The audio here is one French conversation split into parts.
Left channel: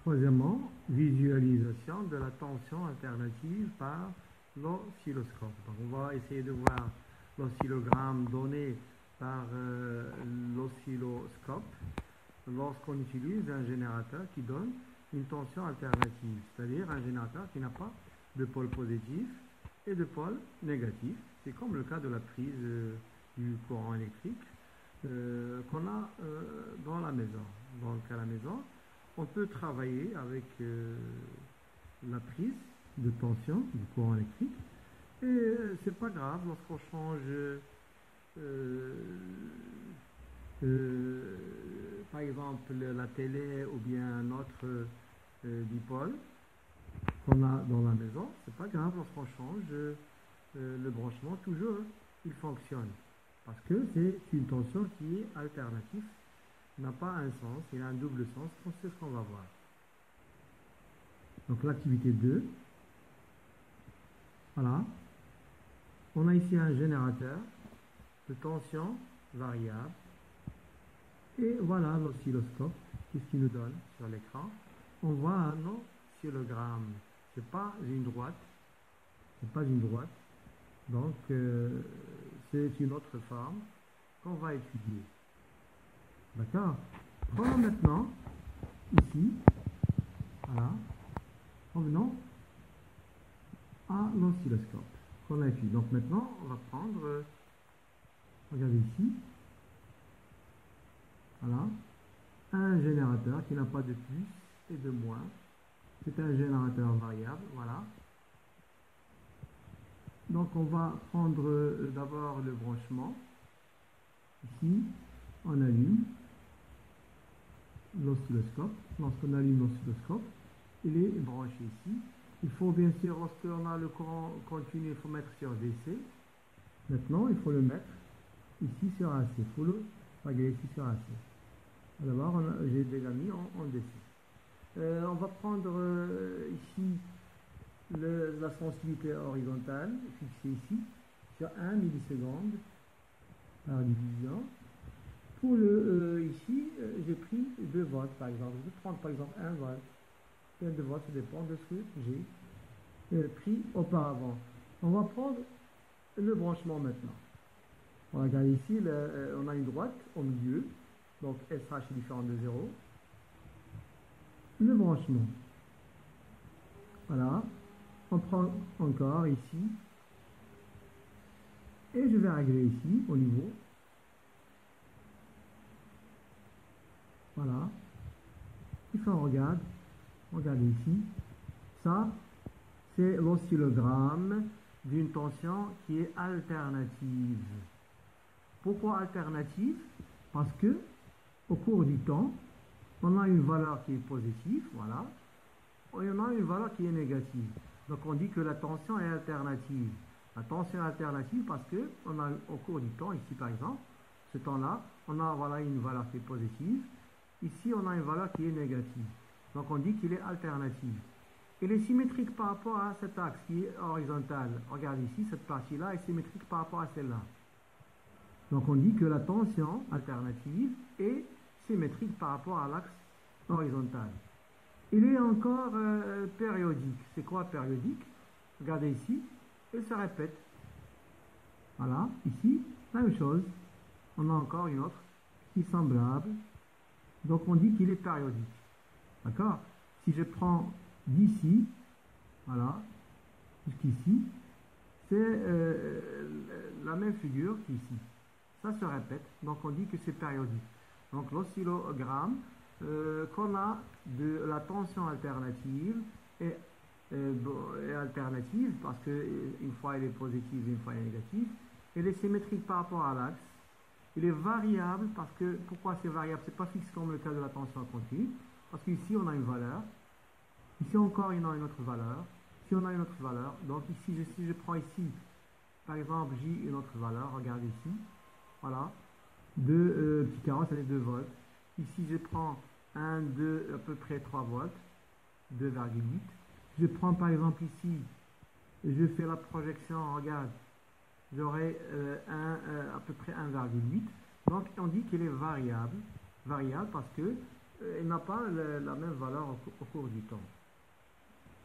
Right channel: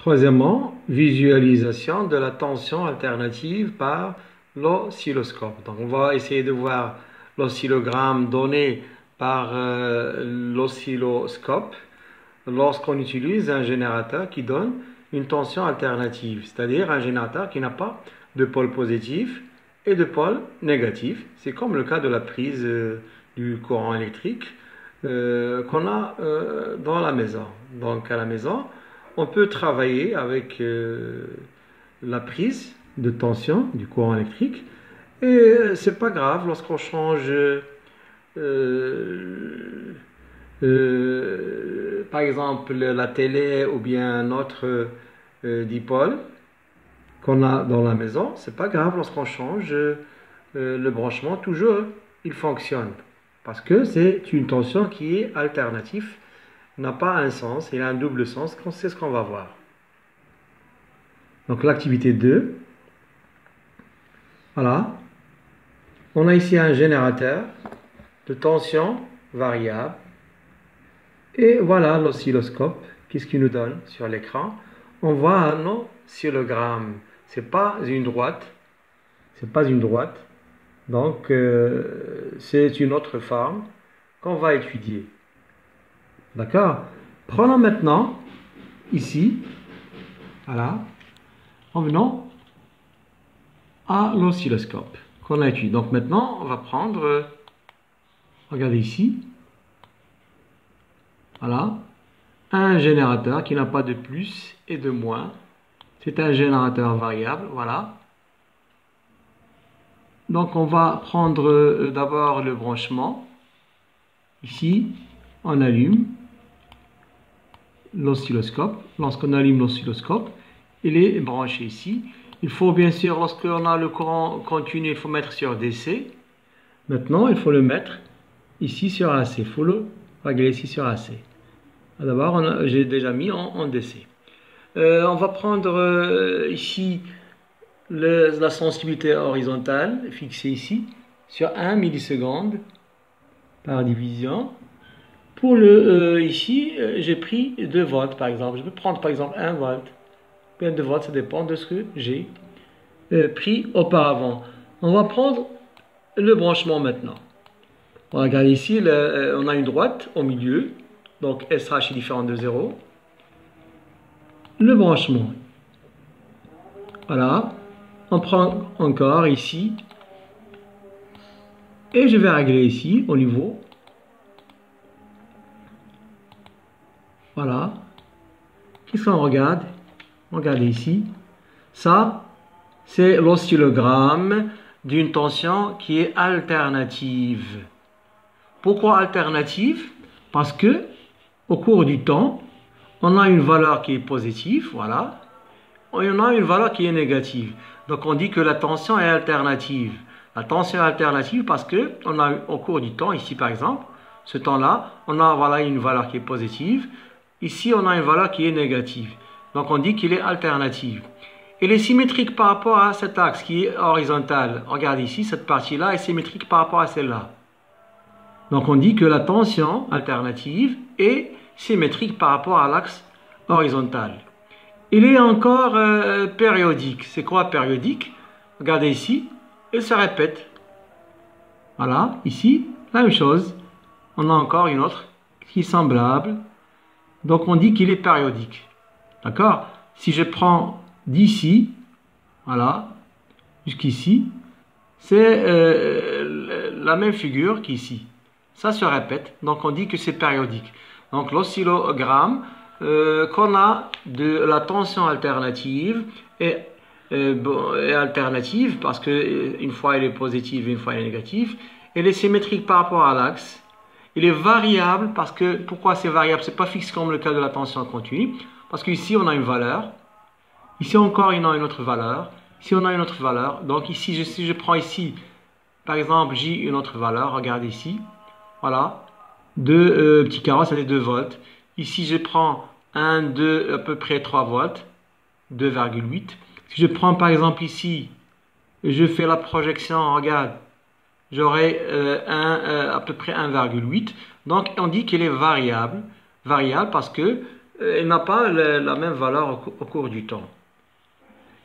Troisièmement, visualisation de la tension alternative par l'oscilloscope. Donc on va essayer de voir l'oscillogramme donné par l'oscilloscope lorsqu'on utilise un générateur qui donne une tension alternative, c'est-à-dire un générateur qui n'a pas de pôle positif et de pôle négatif. C'est comme le cas de la prise du courant électrique qu'on a dans la maison. Donc à la maison, on peut travailler avec la prise de tension du courant électrique et c'est pas grave lorsqu'on change par exemple la télé ou bien un autre dipôle qu'on a dans la maison, c'est pas grave lorsqu'on change le branchement, toujours il fonctionne parce que c'est une tension qui est alternative, n'a pas un sens, il a un double sens, c'est ce qu'on va voir. Donc l'activité 2, voilà, on a ici un générateur de tension variable et voilà l'oscilloscope, qu'est-ce qu'il nous donne sur l'écran? On voit un oscillogramme, c'est pas une droite, donc c'est une autre forme qu'on va étudier. D'accord? Prenons maintenant, ici, voilà, revenons à l'oscilloscope qu'on a étudié. Donc maintenant, on va prendre, regardez ici, voilà, un générateur qui n'a pas de plus et de moins. C'est un générateur variable, voilà. Donc on va prendre d'abord le branchement. Ici, on allume l'oscilloscope. Lorsqu'on allume l'oscilloscope, il est branché ici. Il faut bien sûr, lorsqu'on a le courant continu, il faut mettre sur DC. Maintenant, il faut le mettre ici sur AC. Il faut le régler ici sur AC. D'abord, j'ai déjà mis en DC. On va prendre ici la sensibilité horizontale, fixée ici, sur 1 milliseconde par division. Pour ici, j'ai pris 2 volts par exemple. Je peux prendre par exemple 1 volt. Bien 2 volts, ça dépend de ce que j'ai pris auparavant. On va prendre le branchement maintenant. On regarde ici, on a une droite au milieu. Donc SH est différent de 0. Le branchement. Voilà. On prend encore ici. Et je vais régler ici au niveau. Voilà. Qu'est-ce qu'on regarde? Regardez ici. Ça, c'est l'oscillogramme d'une tension qui est alternative. Pourquoi alternative? Parce que au cours du temps, on a une valeur qui est positive, voilà, et on a une valeur qui est négative. Donc on dit que la tension est alternative. La tension est alternative parce que on a au cours du temps, ici par exemple, ce temps-là, on a voilà une valeur qui est positive. Ici, on a une valeur qui est négative. Donc on dit qu'il est alternative. Il est symétrique par rapport à cet axe qui est horizontal. Regardez ici, cette partie-là est symétrique par rapport à celle-là. Donc on dit que la tension alternative est symétrique par rapport à l'axe horizontal. Il est encore périodique. C'est quoi périodique? Regardez ici, il se répète. Voilà, ici, la même chose. On a encore une autre qui est semblable. Donc on dit qu'il est périodique. D'accord? Si je prends d'ici, voilà, jusqu'ici, c'est la même figure qu'ici. Ça se répète, donc on dit que c'est périodique. Donc l'oscillogramme qu'on a de la tension alternative est alternative parce qu'une fois elle est positive et une fois elle est négative. Elle est symétrique par rapport à l'axe. Il est variable parce que, pourquoi c'est variable? C'est pas fixe comme le cas de la tension continue. Parce qu'ici on a une valeur. Ici encore on a une autre valeur. Ici on a une autre valeur. Donc ici, si je prends ici, par exemple, J une autre valeur, regardez ici. Voilà, 2 petits carreaux, ça fait 2 volts. Ici, je prends 1, 2, à peu près 3 volts, 2,8. Si je prends par exemple ici, je fais la projection, regarde, j'aurai à peu près 1,8. Donc, on dit qu'elle est variable. Variable parce que il n'a pas la même valeur au cours du temps.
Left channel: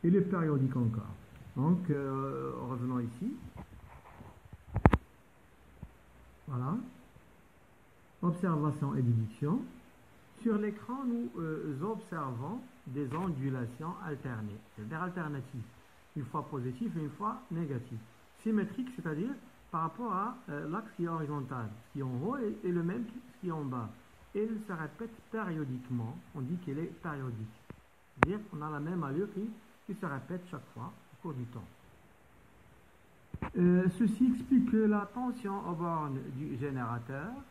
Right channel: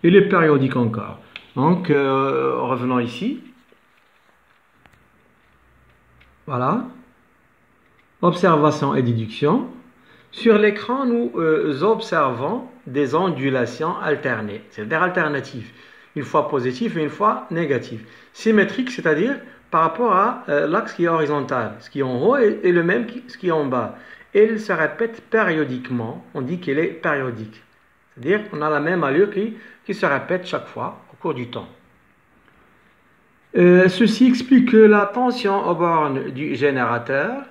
Il est périodique encore. Donc, revenons ici. Voilà. Observation et déduction. Sur l'écran, nous observons des ondulations alternées, c'est-à-dire alternatives. Une fois positive et une fois négative. Symétrique, c'est-à-dire par rapport à l'axe qui est horizontal. Ce qui est en haut est le même que ce qui est en bas. Et il se répète périodiquement. On dit qu'il est périodique. C'est-à-dire qu'on a la même allure qui se répète chaque fois au cours du temps. Ceci explique que la tension aux bornes du générateur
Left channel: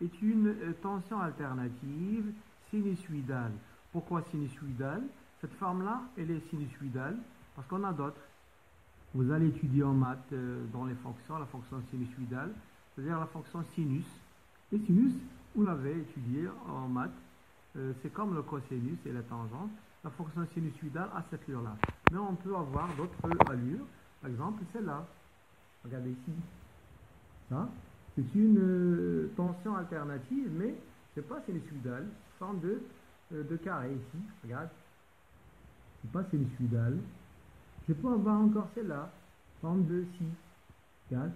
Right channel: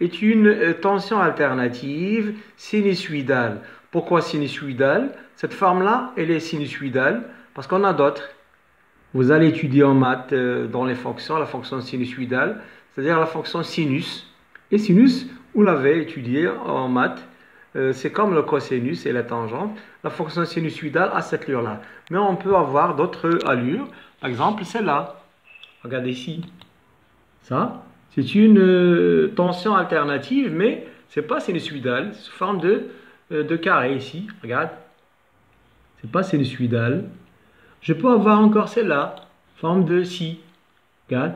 est une tension alternative sinusoïdale. Pourquoi sinusoïdale? Cette forme-là, elle est sinusoïdale parce qu'on a d'autres. Vous allez étudier en maths dans les fonctions, la fonction sinusoïdale, c'est-à-dire la fonction sinus. Et sinus, vous l'avez étudié en maths, c'est comme le cosinus et la tangente. La fonction sinusoïdale a cette allure-là. Mais on peut avoir d'autres allures. Par exemple, celle-là. Regardez ici. Ça, c'est une tension alternative, mais ce n'est pas sinusoïdal. C'est sous forme de carré ici. Regarde. Ce n'est pas sinusoïdal. Je peux avoir encore celle-là, forme de si. Regarde.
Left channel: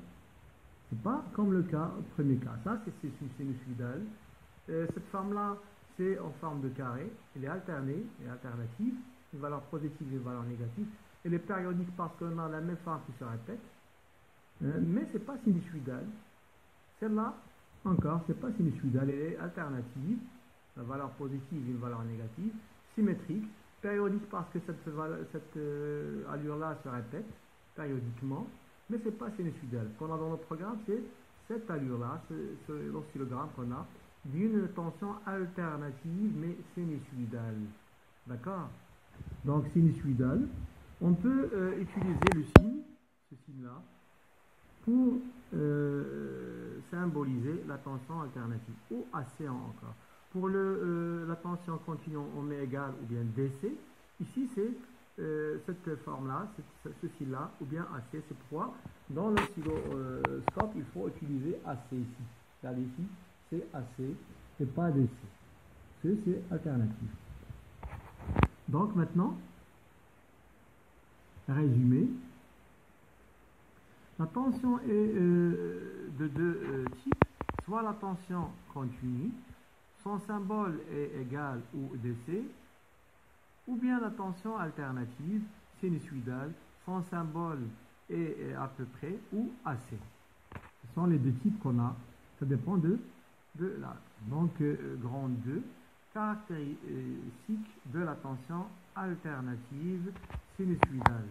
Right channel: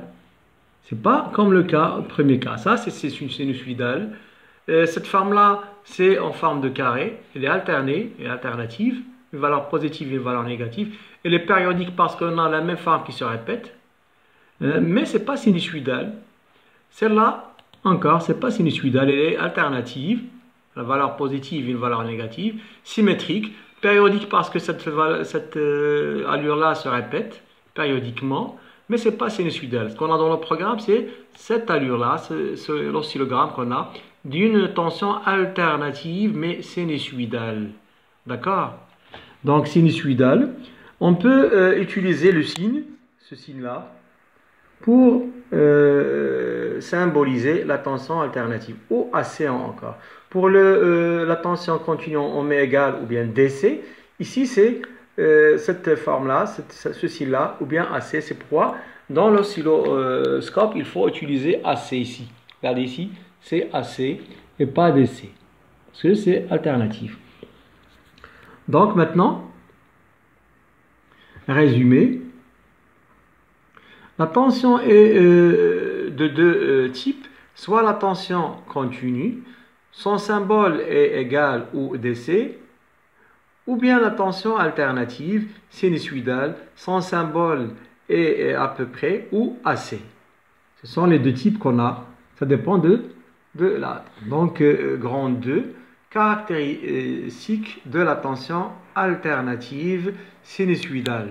Ce n'est pas comme le premier cas. Ça, c'est une sinusoïdale. Cette forme-là, c'est en forme de carré. Elle est alternée et alternative. Une valeur positive et une valeur négative. Elle est périodique parce qu'on a la même forme qui se répète. Mais ce n'est pas sinusoïdal. Celle-là, encore, ce n'est pas sinusoïdal. Elle est alternative. La valeur positive et une valeur négative. Symétrique. Périodique parce que cette allure-là se répète périodiquement. Mais ce n'est pas sinusoïdal. Ce qu'on a dans le programme, c'est cette allure-là, l'oscillogramme qu'on a, d'une tension alternative, mais sinusoïdale. D'accord? Donc, sinusoïdale. On peut utiliser le signe, ce signe-là, pour symboliser la tension alternative, ou AC encore. Pour la tension continue en omet égale ou bien DC, ici c'est cette forme-là, ceci-là, ou bien AC. C'est pourquoi dans l'oscilloscope, il faut utiliser AC ici. Regardez ici, c'est AC et pas DC, parce que c'est alternatif. Donc maintenant, résumé. La tension est de deux types, soit la tension continue, son symbole est égal ou DC, ou bien la tension alternative, sinusoïdale, son symbole est à peu près ou AC. Ce sont les deux types qu'on a, ça dépend de la. Donc, grand 2, caractéristique de la tension alternative sinusoïdale.